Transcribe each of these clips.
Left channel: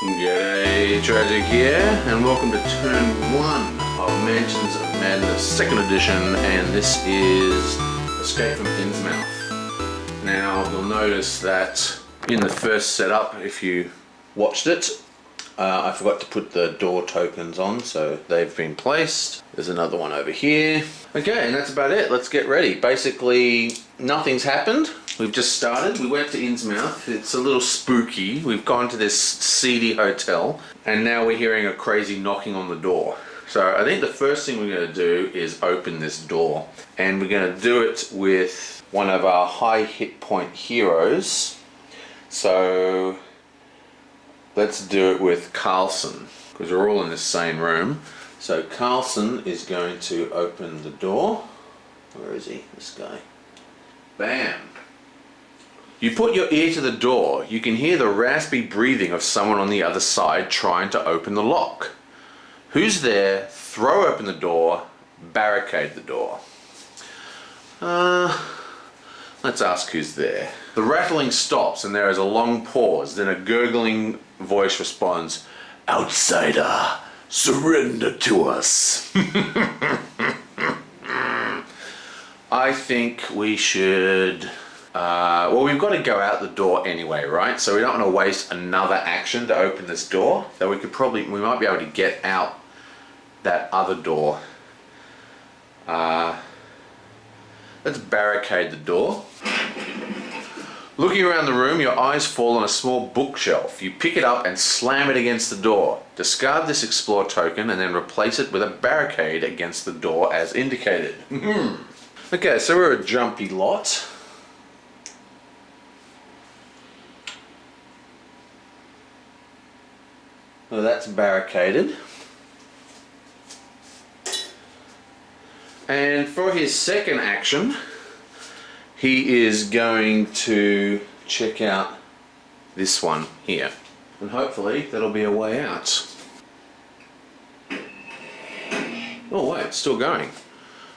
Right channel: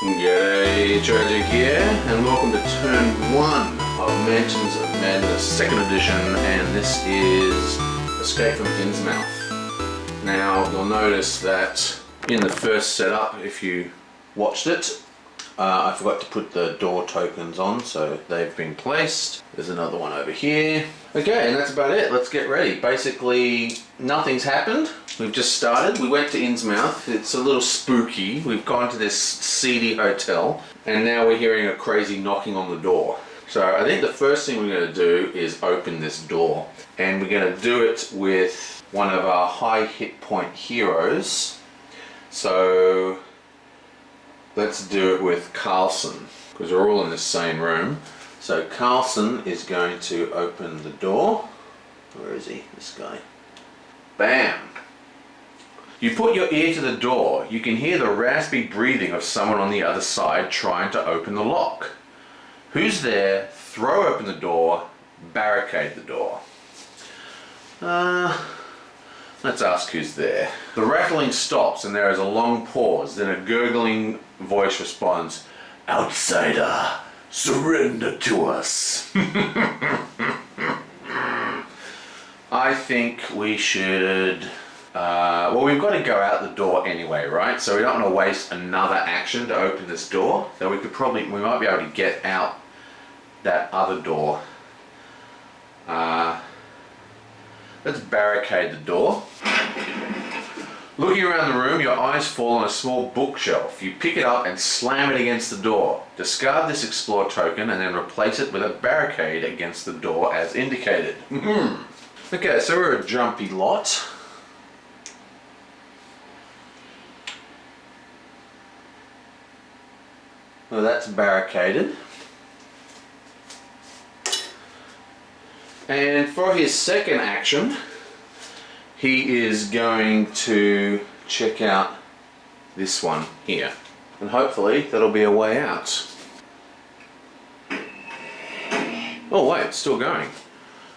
G'day, Tragic here, and welcome to turn 1 of Mansions of Madness 2nd edition, and this is Escape from Innsmouth. Now, you'll notice that in the first setup, if you watched it, I forgot to put the door tokens on, so they've been placed. There's another one over here. Okay, and that's about it. Let's get ready. Basically, nothing's happened. We've just started. We went to Innsmouth. It's a little spooky. We've gone to this seedy hotel, and now we're hearing a crazy knocking on the door. So I think the first thing we're going to do is open this door, and we're going to do it with one of our high hit point heroes. So let's do it with Carlson, because we're all in the same room. So Carlson is going to open the door. Where is he? This guy. Bam! You put your ear to the door. You can hear the raspy breathing of someone on the other side trying to open the lock. Who's there? Throw open the door. Barricade the door. Let's ask who's there. The rattling stops and there is a long pause. Then a gurgling voice responds, "Outsider, surrender to us." I think we should... well, we've got to go out the door anyway, right? So we don't want to waste another action to open this door. So we might be able to get out that other door. Let's barricade the door. Looking around the room, your eyes fall on a small bookshelf. You pick it up and slam it against the door. Discard this explore token and then replace it with a barricade against the door as indicated. Okay, so we're a jumpy lot. Well, that's barricaded. And for his second action, he is going to check out this one here. And hopefully that'll be a way out. Oh wait, it's still going.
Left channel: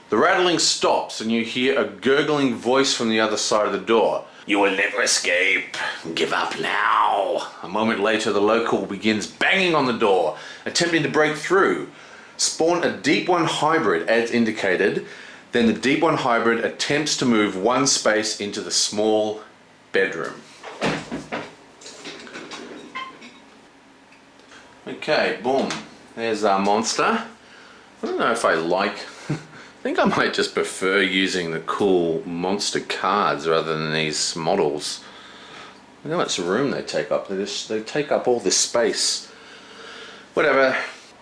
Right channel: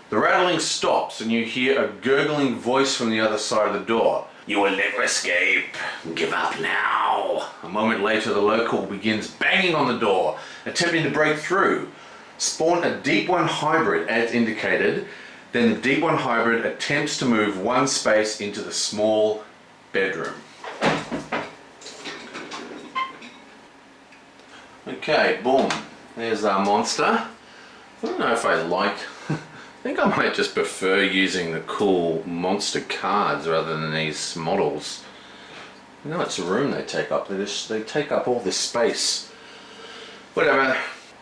The rattling stops and you hear a gurgling voice from the other side of the door. "You will never escape. Give up now." A moment later, the local begins banging on the door, attempting to break through. Spawn a Deep One hybrid as indicated. Then the Deep One hybrid attempts to move one space into the small bedroom. Okay, boom. There's our monster. I don't know if I like... I think I might just prefer using the cool monster cards rather than these models. I know it's a room they take up. They take up all this space. Whatever.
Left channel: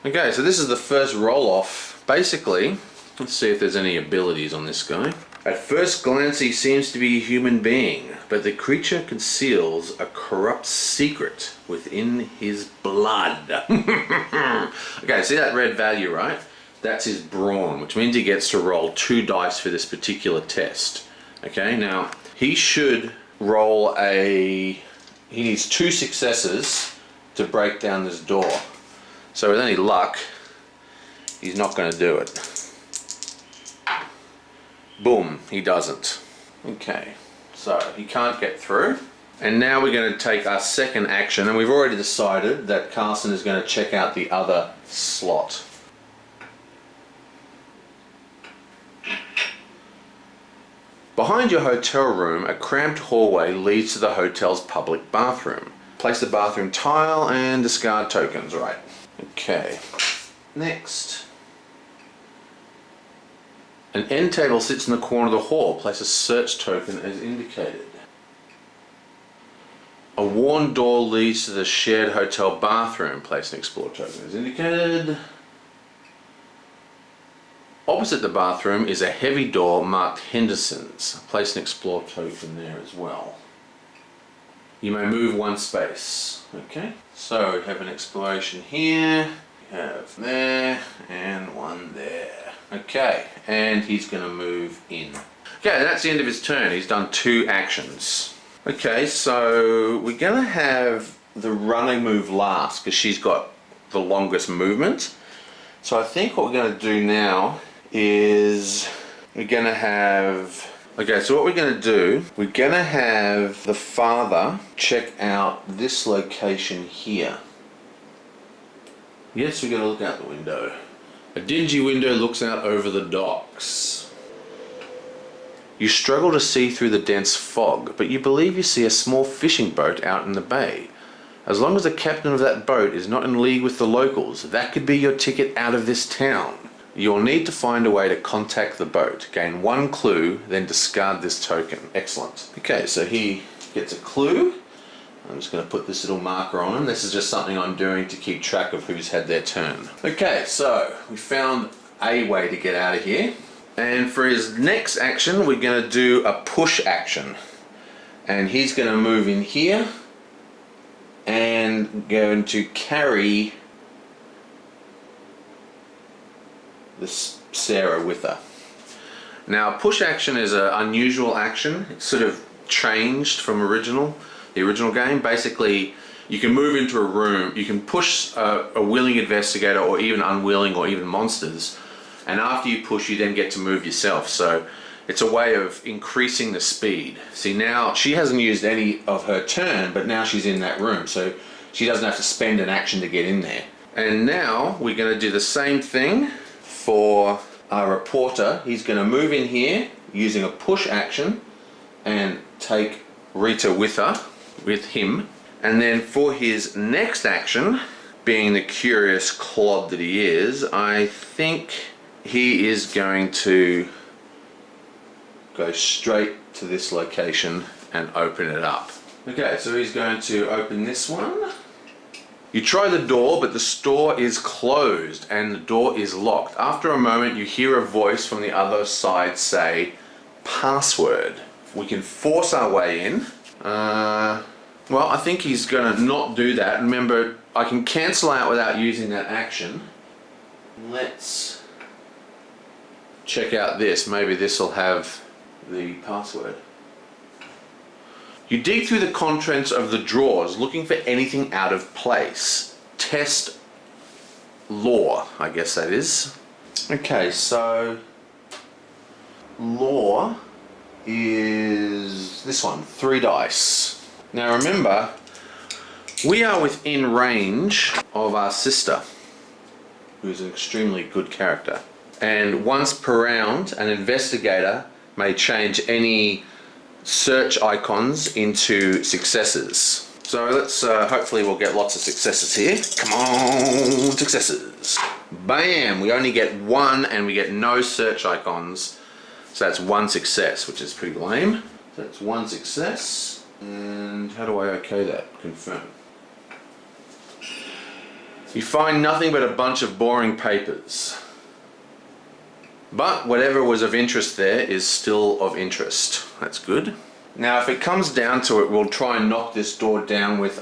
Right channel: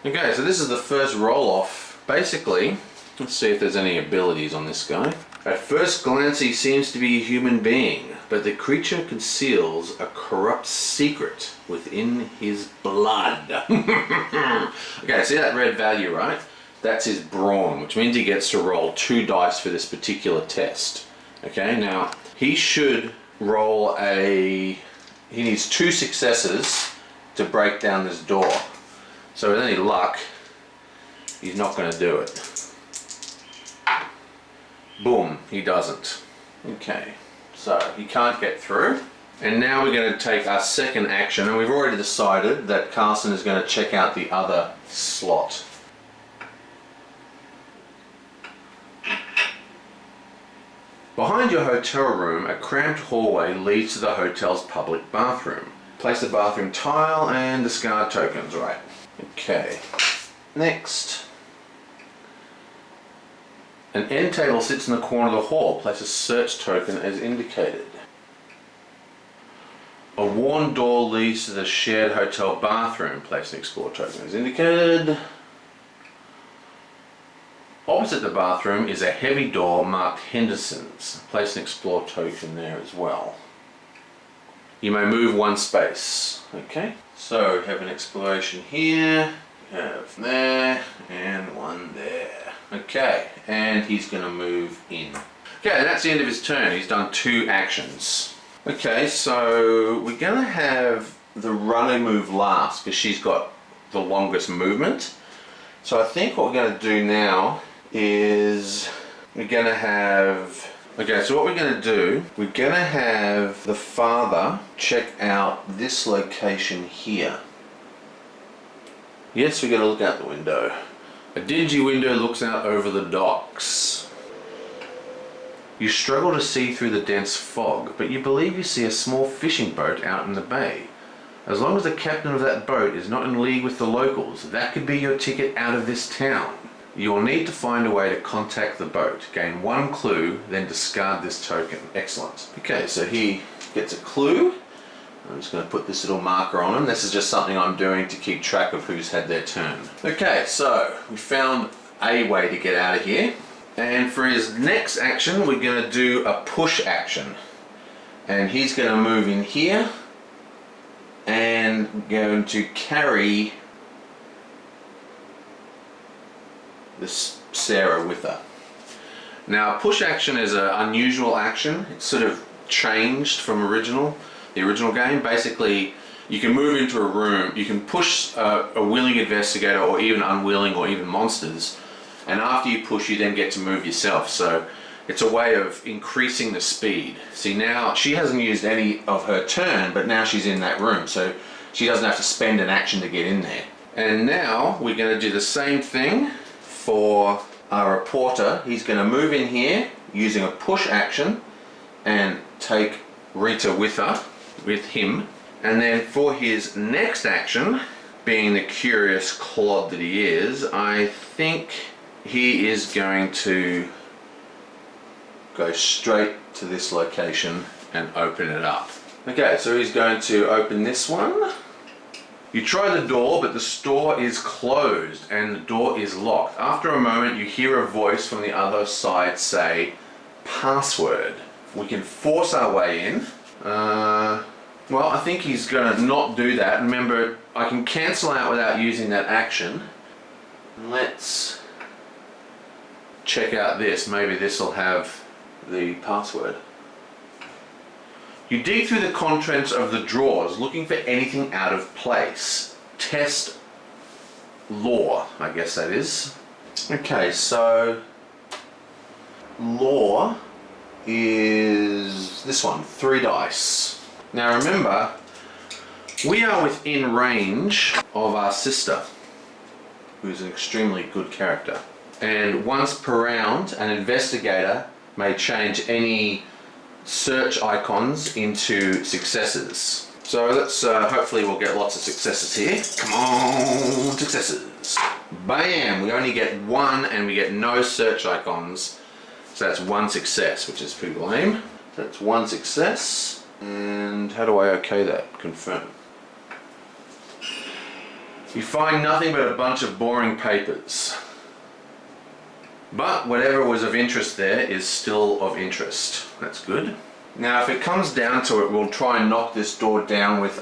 Okay, so this is the first roll-off. Basically, let's see if there's any abilities on this guy. At first glance, he seems to be a human being, but the creature conceals a corrupt secret within his blood. Okay, see that red value, right? That's his brawn, which means he gets to roll 2 dice for this particular test. Okay, now he should roll he needs 2 successes to break down this door. So with any luck, he's not going to do it. Boom, he doesn't. Okay, so he can't get through. And now we're going to take our second action, and we've already decided that Carlson is going to check out the other slot. Behind your hotel room, a cramped hallway leads to the hotel's public bathroom. Place the bathroom tile and discard tokens, right? Okay. Next. An end table sits in the corner of the hall. Place a search token as indicated. A worn door leads to the shared hotel bathroom. Place an explore token as indicated. Opposite the bathroom is a heavy door marked Henderson's. Place an explore token there as well. You may move 1 space. Okay, so we have an exploration here, we have there, and 1 there. Okay, and he's going to move in. Okay, and that's the end of his turn. He's done 2 actions. Okay, so we're going to have the runner move last because she's got the longest movement. So I think what we're going to do now is we're going to have... Okay, so what we're going to do, we're going to have the father check out this location here. Yes, we're going to look out the window. A dingy window looks out over the docks. You struggle to see through the dense fog, but you believe you see a small fishing boat out in the bay. As long as the captain of that boat is not in league with the locals, that could be your ticket out of this town. You'll need to find a way to contact the boat. Gain one clue, then discard this token. Excellent. Okay, so he gets a clue. I'm just going to put this little marker on him. This is just something I'm doing to keep track of who's had their turn. Okay, so we found a way to get out of here. And for his next action, we're going to do a push action. And he's going to move in here and going to carry this Sarah with her. Now, push action is an unusual action. It's sort of changed from the original game. Basically, you can move into a room, you can push a willing investigator or even unwilling or even monsters, and after you push, you then get to move yourself. So it's a way of increasing the speed. See, now she hasn't used any of her turn, but now she's in that room, so she doesn't have to spend an action to get in there. And now we're going to do the same thing for our reporter. He's going to move in here using a push action and take Rita with him. And then for his next action, being the curious clod that he is, I think he is going to go straight to this location and open it up. Okay, so he's going to open this one. You try the door, but the store is closed and the door is locked. After a moment, you hear a voice from the other side say, "Password." We can force our way in. Well, I think he's going to not do that. Remember, I can cancel out without using that action. Let's check out this. Maybe this will have the password. You dig through the contents of the drawers looking for anything out of place. Test law, I guess that is. Okay, so law is this one, 3 dice. Now remember, we are within range of our sister, who's an extremely good character. And once per round, an investigator may change any search icons into successes. So let's, hopefully we'll get lots of successes here. Come on, successes. Bam, we only get 1 and we get no search icons. So that's 1 success, which is pretty lame. That's 1 success. And how do I okay that? Confirm. You find nothing but a bunch of boring papers. But whatever was of interest there is still of interest. That's good. Now if it comes down to it, we'll try and knock this door down with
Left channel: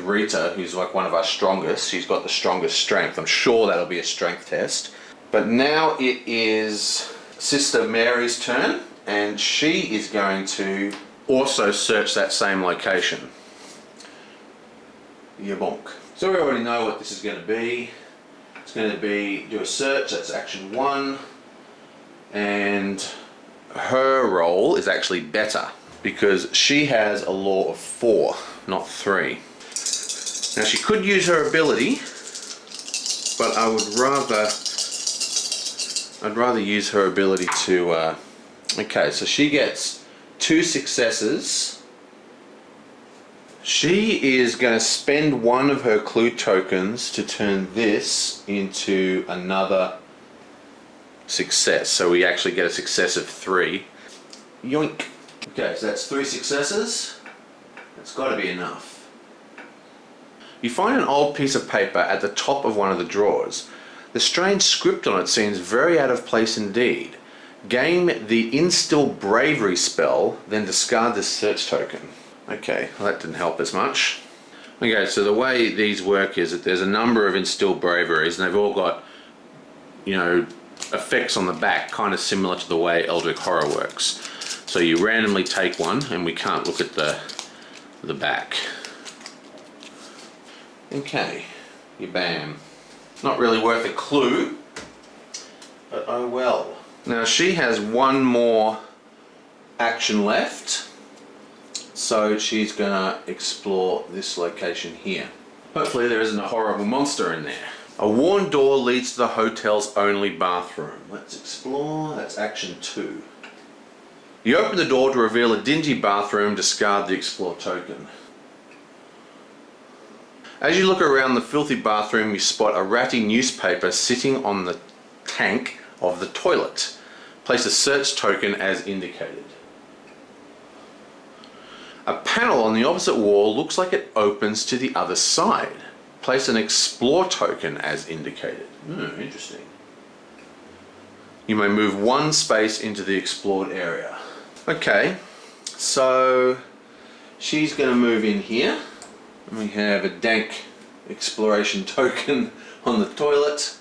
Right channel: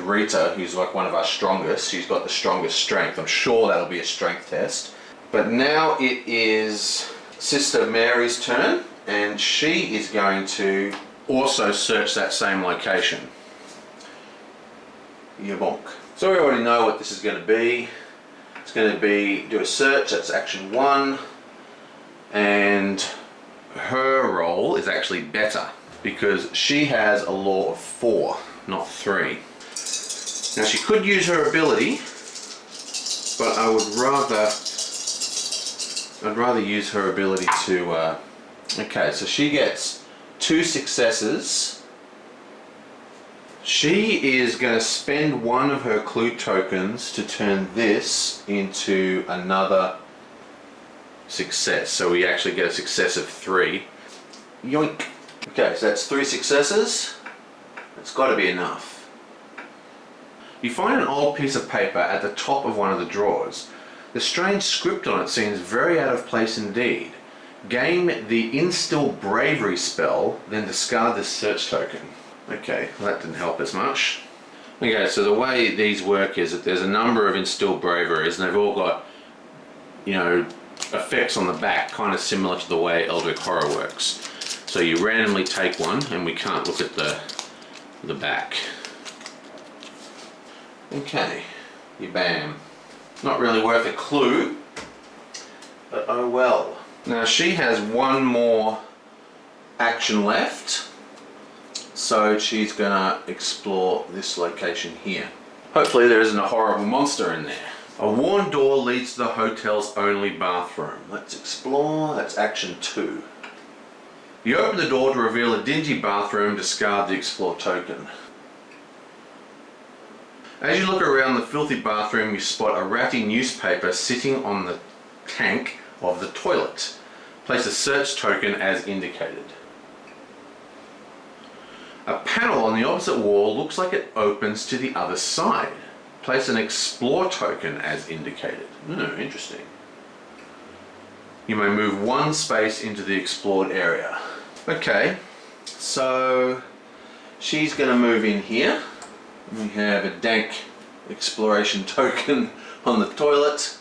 Rita, who's like one of our strongest. She's got the strongest strength. I'm sure that'll be a strength test. But now it is Sister Mary's turn, and she is going to also search that same location. Yabonk. So we already know what this is going to be. It's going to be do a search, that's action 1, and her roll is actually better because she has a law of 4, not 3. Now she could use her ability, but I'd rather use her ability to okay, so she gets 2 successes. She is going to spend 1 of her clue tokens to turn this into another success. So we actually get a success of 3. Yoink. Okay, so that's 3 successes. That's got to be enough. You find an old piece of paper at the top of one of the drawers. The strange script on it seems very out of place indeed. Gain the Instill Bravery spell, then discard this search token. Okay, well that didn't help as much. Okay, so the way these work is that there's a number of Instill Braveries and they've all got, you know, effects on the back, kind of similar to the way Eldritch Horror works. So you randomly take one and we can't look at the back. Okay, you bam. Not really worth a clue, but oh well. Now she has 1 more action left. So she's gonna explore this location here. Hopefully there isn't a horrible monster in there. A worn door leads to the hotel's only bathroom. Let's explore. That's action 2. You open the door to reveal a dingy bathroom. Discard the explore token. As you look around the filthy bathroom, you spot a ratty newspaper sitting on the tank of the toilet. Place a search token as indicated. A panel on the opposite wall looks like it opens to the other side. Place an explore token as indicated. Interesting. You may move 1 space into the explored area. Okay, so she's going to move in here. We have a dank exploration token on the toilet,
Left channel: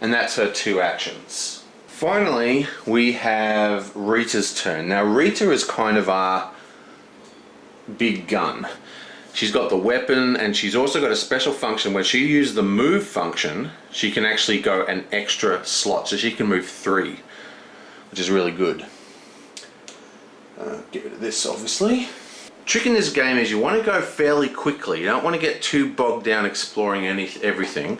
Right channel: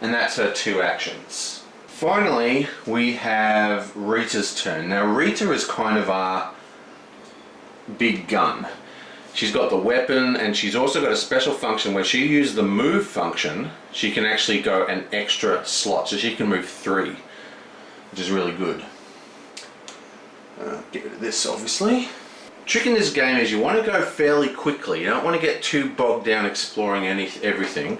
and that's her 2 actions. Finally, we have Rita's turn. Now, Rita is kind of our big gun. She's got the weapon, and she's also got a special function where she uses the move function. She can actually go an extra slot, so she can move 3, which is really good. Get rid of this, obviously. Trick in this game is you want to go fairly quickly. You don't want to get too bogged down exploring everything.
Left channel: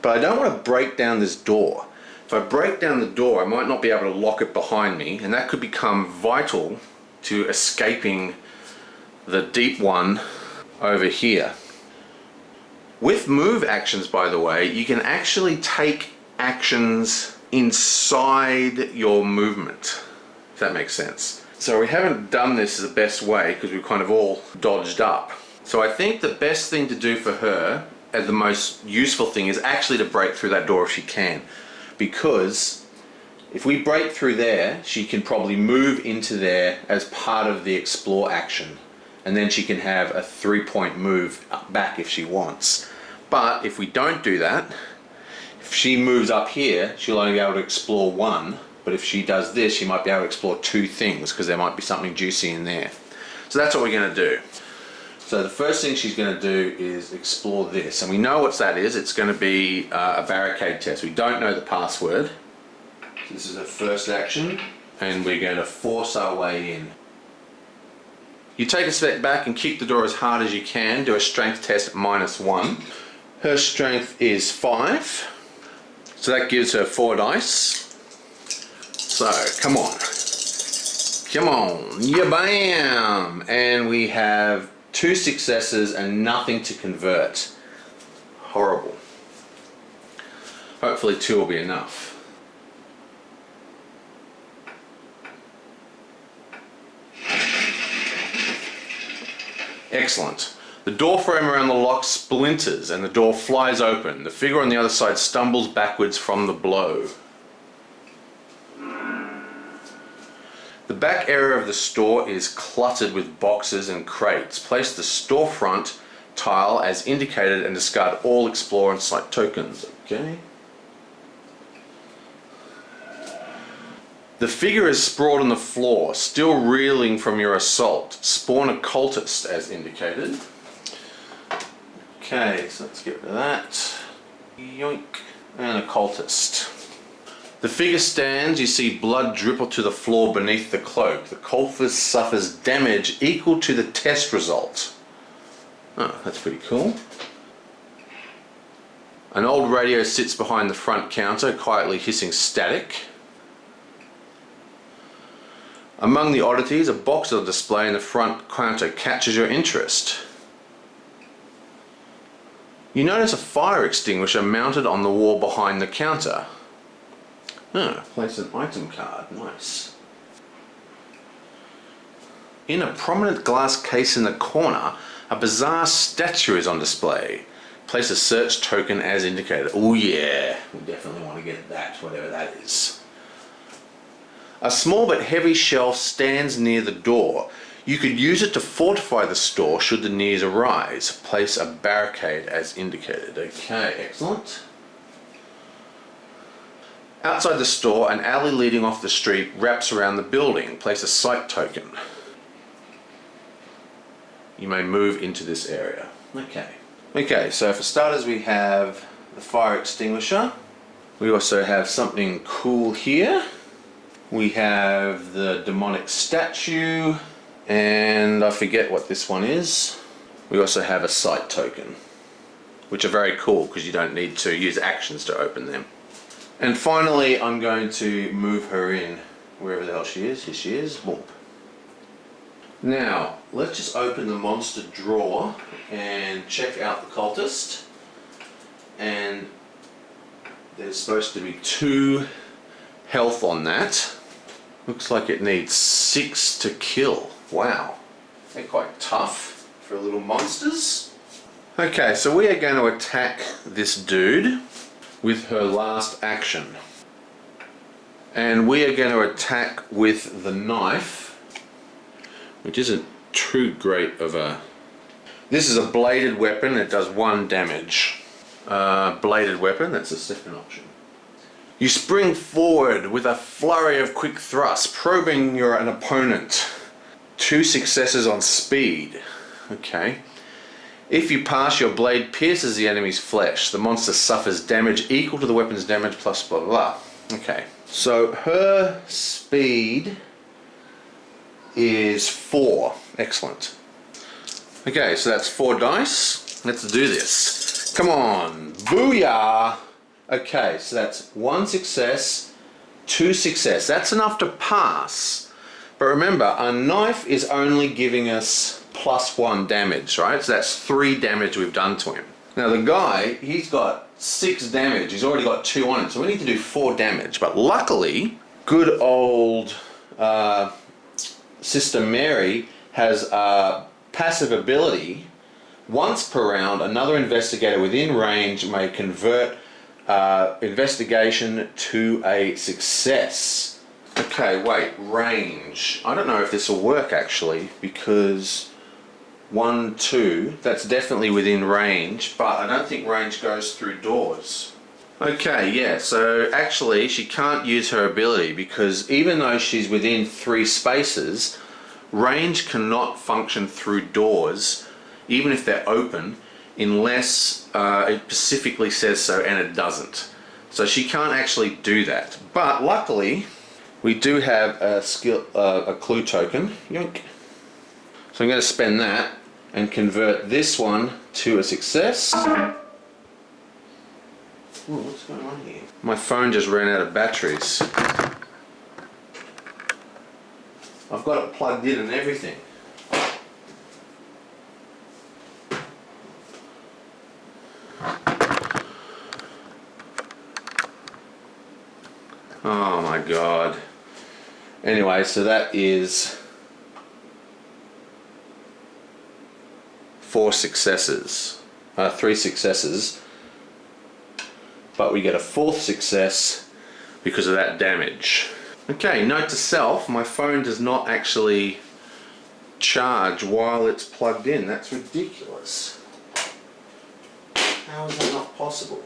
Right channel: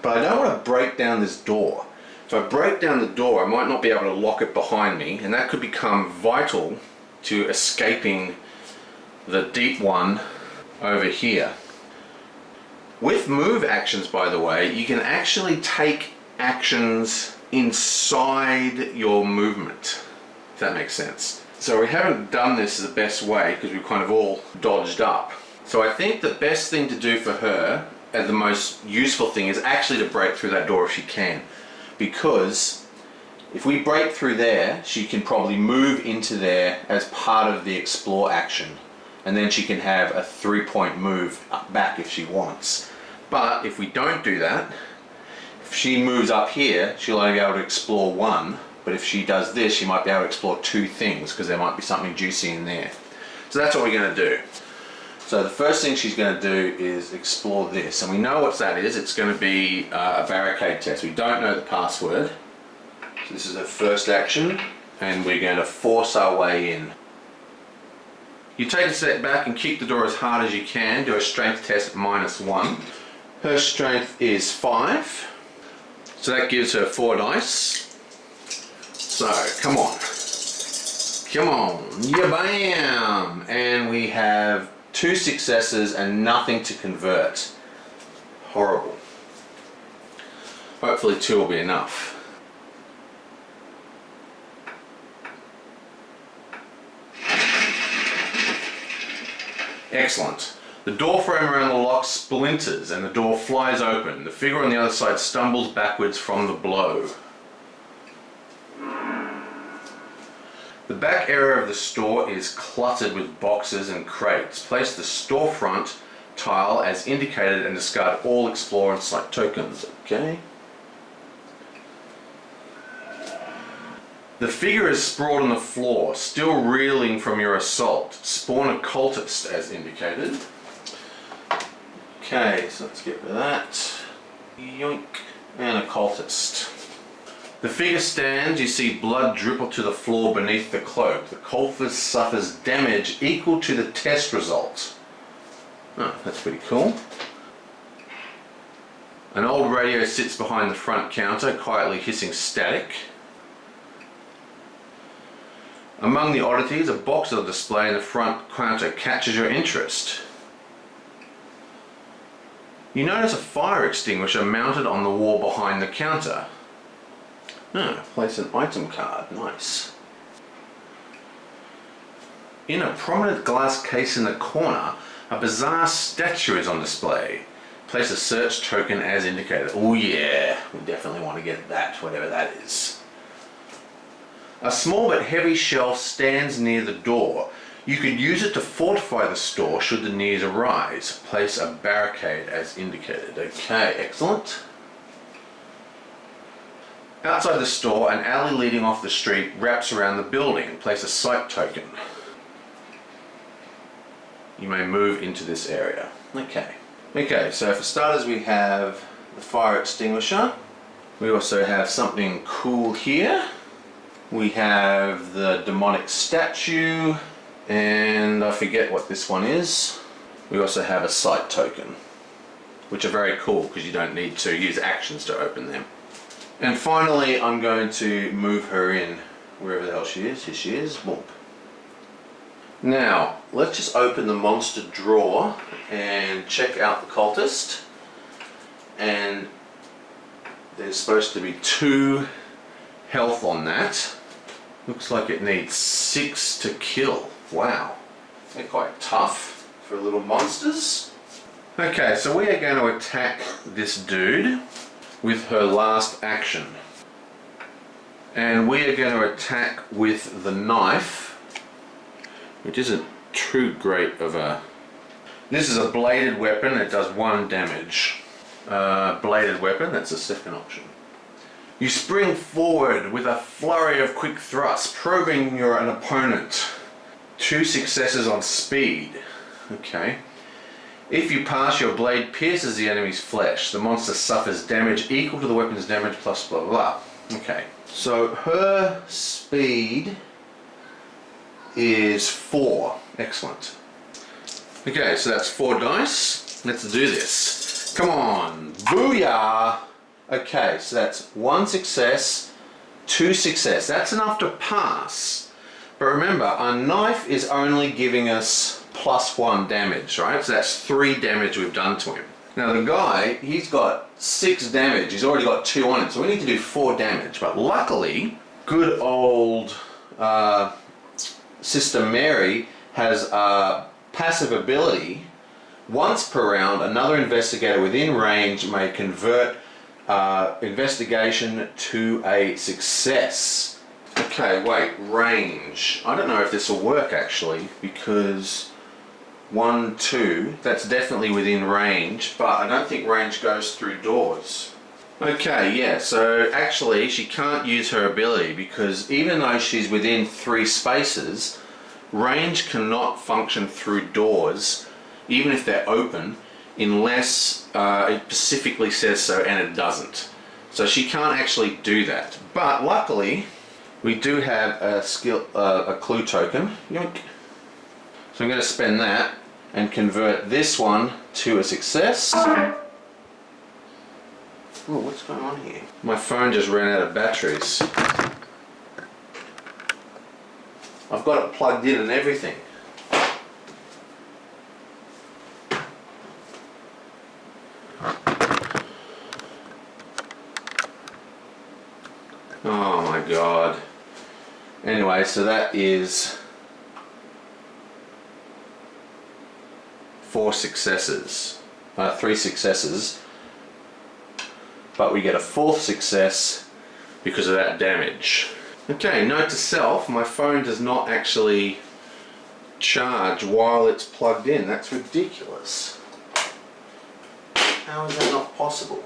But I don't want to break down this door. If I break down the door, I might not be able to lock it behind me, and that could become vital to escaping the deep one over here. With move actions, by the way, you can actually take actions inside your movement, if that makes sense. So we haven't done this the best way because we've kind of all dodged up. So I think the best thing to do for her, and the most useful thing, is actually to break through that door if she can. Because if we break through there, she can probably move into there as part of the explore action. And then she can have a 3-point move back if she wants. But if we don't do that, if she moves up here, she'll only be able to explore 1. But if she does this, she might be able to explore 2 things because there might be something juicy in there. So that's what we're going to do. So the first thing she's going to do is explore this. And we know what that is. It's going to be a barricade test. We don't know the password. So this is her first action. And we're going to force our way in. You take a step back and kick the door as hard as you can. Do a strength test -1. Her strength is 5. So that gives her 4 dice. So, come on. Come on. Yeah, bam! And we have 2 successes and nothing to convert. Horrible. Hopefully 2 will be enough. Excellent. The door frame around the lock splinters and the door flies open. The figure on the other side stumbles backwards from the blow. The back area of the store is cluttered with boxes and crates. Place the storefront tile as indicated and discard all explore and site tokens. Okay. The figure is sprawled on the floor, still reeling from your assault. Spawn a cultist as indicated. Okay, so let's get rid of that. Yoink. And a cultist. The figure stands, you see blood dribble to the floor beneath the cloak. The cultist suffers damage equal to the test result. Oh, that's pretty cool. An old radio sits behind the front counter, quietly hissing static. Among the oddities, a box on display in the front counter catches your interest. You notice a fire extinguisher mounted on the wall behind the counter. Place an item card. Nice. In a prominent glass case in the corner, a bizarre statue is on display. Place a search token as indicated. Oh yeah, we definitely want to get that, whatever that is. A small but heavy shelf stands near the door. You could use it to fortify the store should the need arise. Place a barricade as indicated. Okay, excellent. Outside the store, an alley leading off the street wraps around the building. Place a site token. You may move into this area. Okay, so for starters we have the fire extinguisher. We also have something cool here. We have the demonic statue, and I forget what this one is. We also have a site token. which are very cool because you don't need to use actions to open them. And finally, I'm going to move her in wherever the hell she is. Here she is. Boom. Now, let's just open the monster drawer and check out the cultist. And there's supposed to be 2 health on that. Looks like it needs 6 to kill. Wow. They're quite tough for little monsters. Okay, so we are going to attack this dude with her last action. And we are going to attack with the knife, which isn't too great of a... This is a bladed weapon that does 1 damage. Bladed weapon, that's the second option. You spring forward with a flurry of quick thrusts, probing an opponent. 2 successes on speed. Okay. If you pass, your blade pierces the enemy's flesh. The monster suffers damage equal to the weapon's damage plus blah blah blah. Okay. So her speed is 4. Excellent. Okay, so that's 4 dice. Let's do this. Come on. Booyah! Okay, so that's 1 success, 2 success. That's enough to pass. But remember, a knife is only giving us +1 damage, right? So that's 3 damage we've done to him. Now the guy, he's got 6 damage. He's already got 2 on him, so we need to do 4 damage. But luckily, good old Sister Mary has a passive ability. Once per round, another investigator within range may convert investigation to a success. Okay, wait, range. I don't know if this will work actually, because 1, 2, that's definitely within range, but I don't think range goes through doors. Okay, yeah, so actually she can't use her ability because even though she's within 3 spaces, range cannot function through doors, even if they're open, unless it specifically says so, and it doesn't. So she can't actually do that. But luckily, we do have a clue token. Yoink. So I'm going to spend that and convert this one to a success. Oh, what's going on here? My phone just ran out of batteries. I've got it plugged in and everything. Oh my god. Anyway, so that is 4 successes. 3 successes. But we get a 4th success because of that damage. Okay, note to self, my phone does not actually charge while it's plugged in. That's ridiculous. How is that not possible?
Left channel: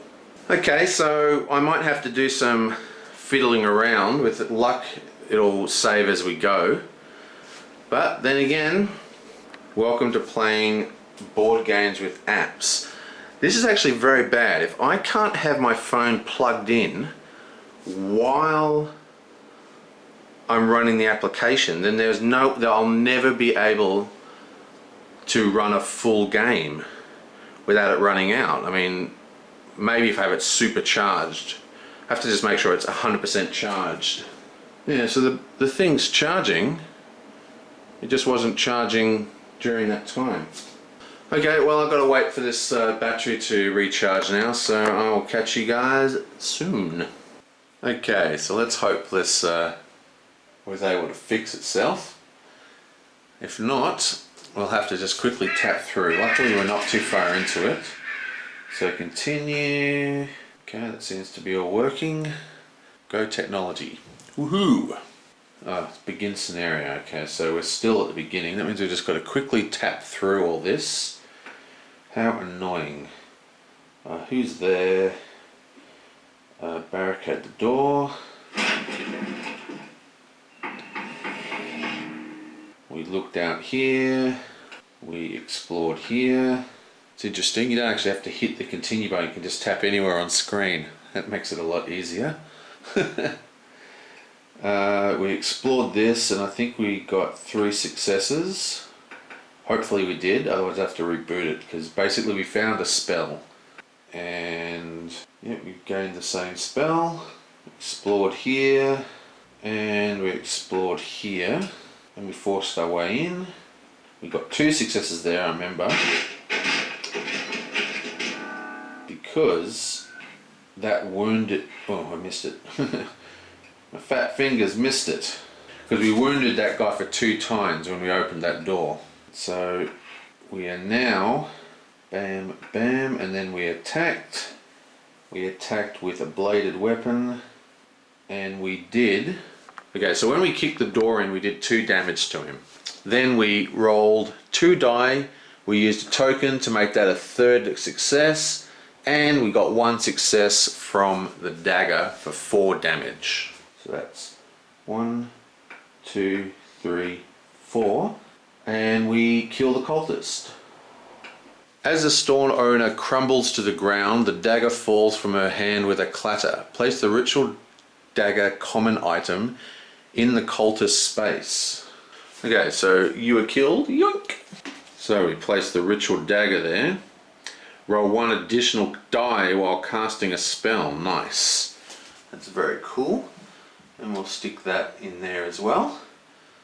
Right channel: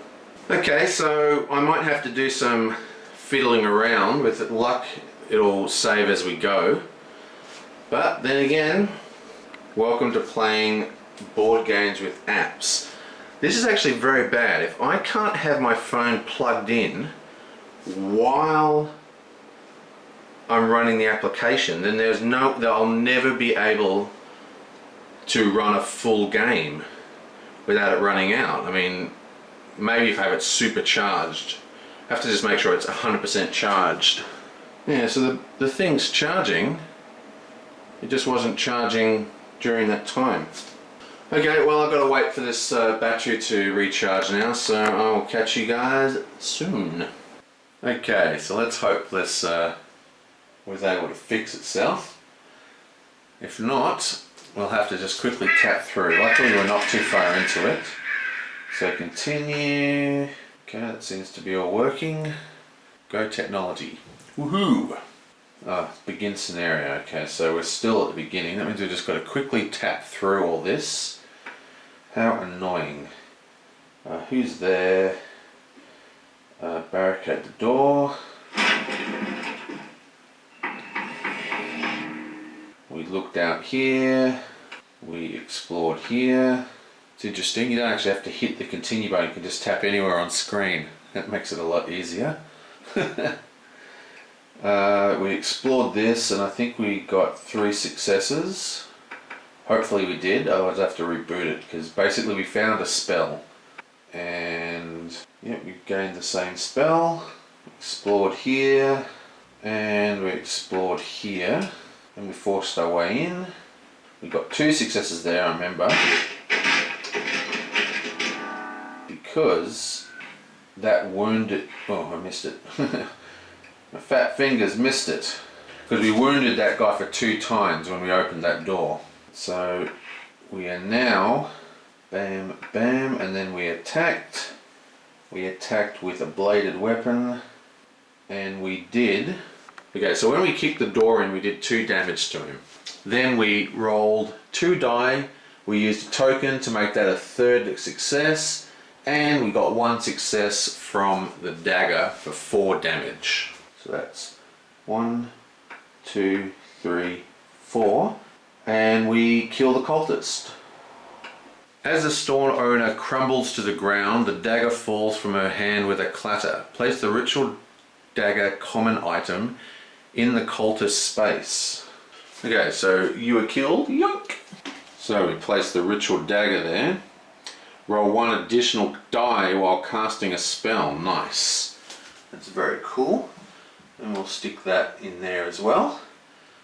Okay, so I might have to do some fiddling around. With luck, it'll save as we go. But then again, welcome to playing board games with apps. This is actually very bad. If I can't have my phone plugged in while I'm running the application, then I'll never be able to run a full game without it running out. I mean, maybe if I have it supercharged. I have to just make sure it's 100% charged. Yeah, so the thing's charging. It just wasn't charging during that time. Okay, well I've got to wait for this battery to recharge now, so I'll catch you guys soon. Okay, so let's hope this was able to fix itself. If not, we'll have to just quickly tap through. Luckily we're not too far into it. So continue. Okay, that seems to be all working. Go technology. Woohoo! Begin scenario. Okay, so we're still at the beginning. That means we've just got to quickly tap through all this. How annoying. Who's there? Barricade the door. We looked out here. We explored here. It's interesting, you don't actually have to hit the continue button, you can just tap anywhere on screen. That makes it a lot easier. We explored this and I think we got 3 successes. Hopefully we did, otherwise I'd have to reboot it, because basically we found a spell. Yep, we've gained the same spell. Explored here, and we explored here, and we forced our way in. We got 2 successes there, I remember, because that wounded. Oh, I missed it. My fat fingers missed it, because we wounded that guy for 2 times when we opened that door. So we are now bam, bam, and then we attacked. We attacked with a bladed weapon, and we did. Okay, so when we kicked the door in, we did 2 damage to him. Then we rolled 2 die. We used a token to make that a 3rd success, and we got 1 success from the dagger for 4 damage. So that's 1, 2, 3, 4, and we kill the cultist. As the store owner crumbles to the ground, the dagger falls from her hand with a clatter. Place the ritual dagger common item in the cultist space. Okay, so you were killed. Yoink! So we place the ritual dagger there. Roll 1 additional die while casting a spell. Nice. That's very cool. And we'll stick that in there as well.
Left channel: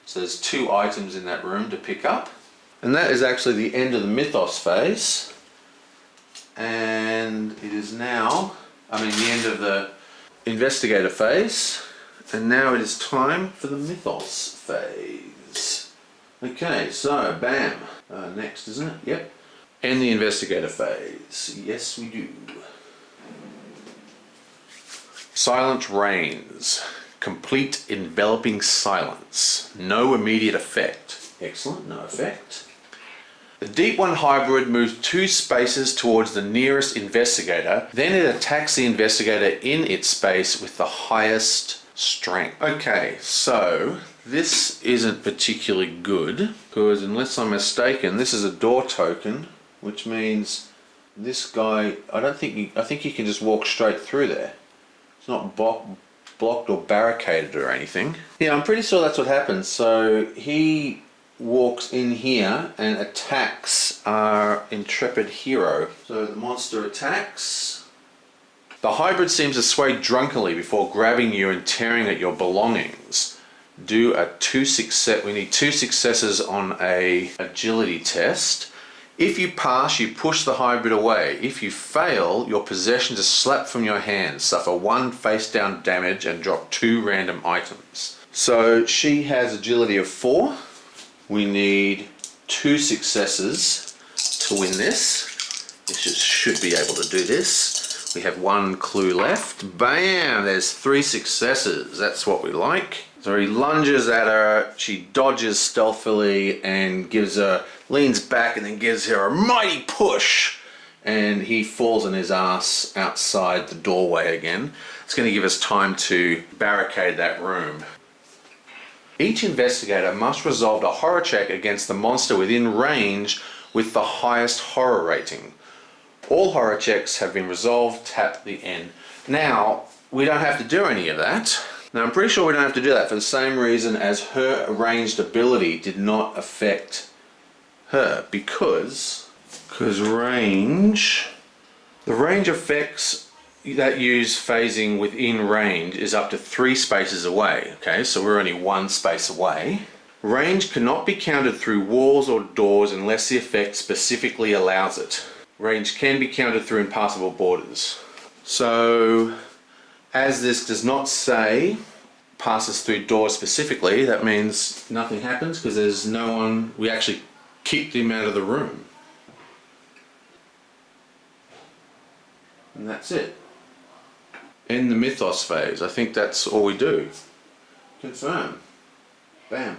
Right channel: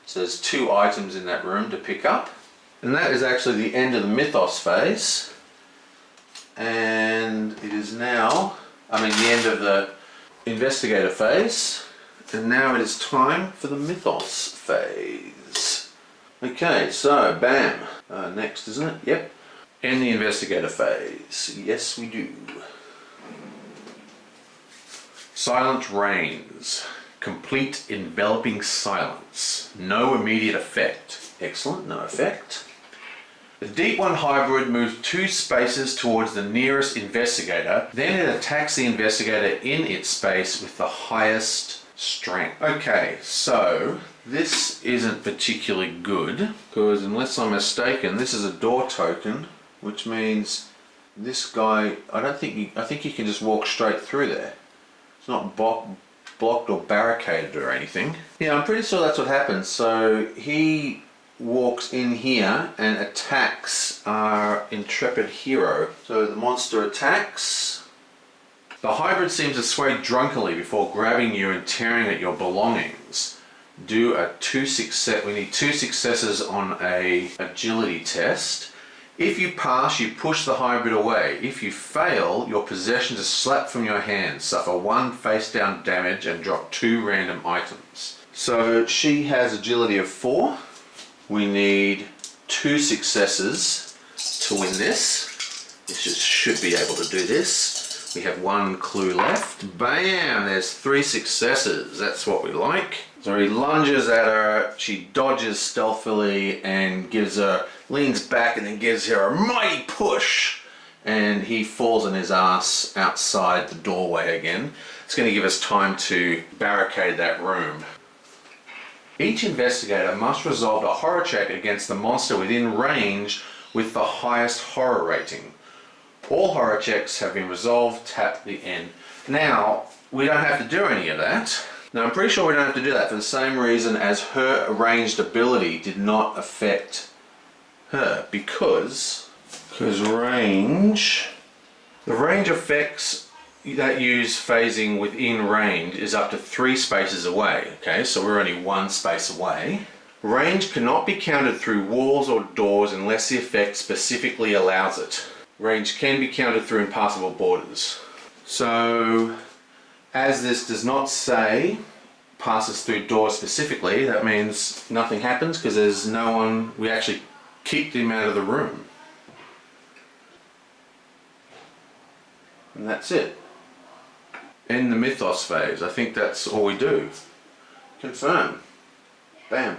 So there's 2 items in that room to pick up. And that is actually the end of the mythos phase. And it is now, the end of the investigator phase. And now it is time for the mythos phase. Okay, so bam. Next, isn't it? Yep. End the investigator phase. Yes, we do. Silence reigns. Complete enveloping silence. No immediate effect. Excellent, no effect. The Deep One hybrid moves 2 spaces towards the nearest investigator, then it attacks the investigator in its space with the highest strength. Okay, so this isn't particularly good, because unless I'm mistaken, this is a door token, which means this guy, I think he can just walk straight through there. It's not blocked or barricaded or anything. Yeah, I'm pretty sure that's what happens. So he walks in here and attacks our intrepid hero. So the monster attacks. The hybrid seems to sway drunkenly before grabbing you and tearing at your belongings. Do a 2 success. We need 2 successes on a agility test. If you pass, you push the hybrid away. If you fail, your possessions are slapped from your hands, suffer 1 face down damage, and drop 2 random items. So she has agility of 4. We need 2 successes to win this. This should be able to do this. We have 1 clue left. Bam! There's 3 successes. That's what we like. So he lunges at her, she dodges stealthily and leans back and then gives her a mighty push, and he falls on his ass outside the doorway again. It's going to give us time to barricade that room. Each investigator must resolve a horror check against the monster within range with the highest horror rating. All horror checks have been resolved. Tap the end. Now, we don't have to do any of that. Now, I'm pretty sure we don't have to do that for the same reason as her ranged ability did not affect her, because range, the range effects that use phasing within range is up to 3 spaces away. Okay, so we're only 1 space away. Range cannot be counted through walls or doors unless the effect specifically allows it. Range can be counted through impassable borders. So, as this does not say passes through doors specifically, that means nothing happens because there's no one. We actually kicked him out of the room. And that's it. End the mythos phase. I think that's all we do. Confirm. Bam.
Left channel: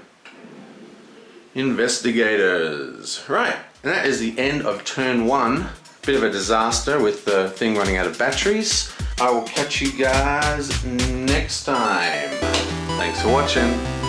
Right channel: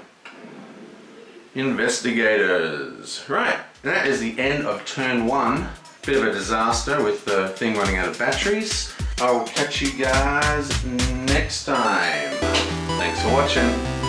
Investigators. Right. And that is the end of turn 1. Bit of a disaster with the thing running out of batteries. I will catch you guys next time. Thanks for watching.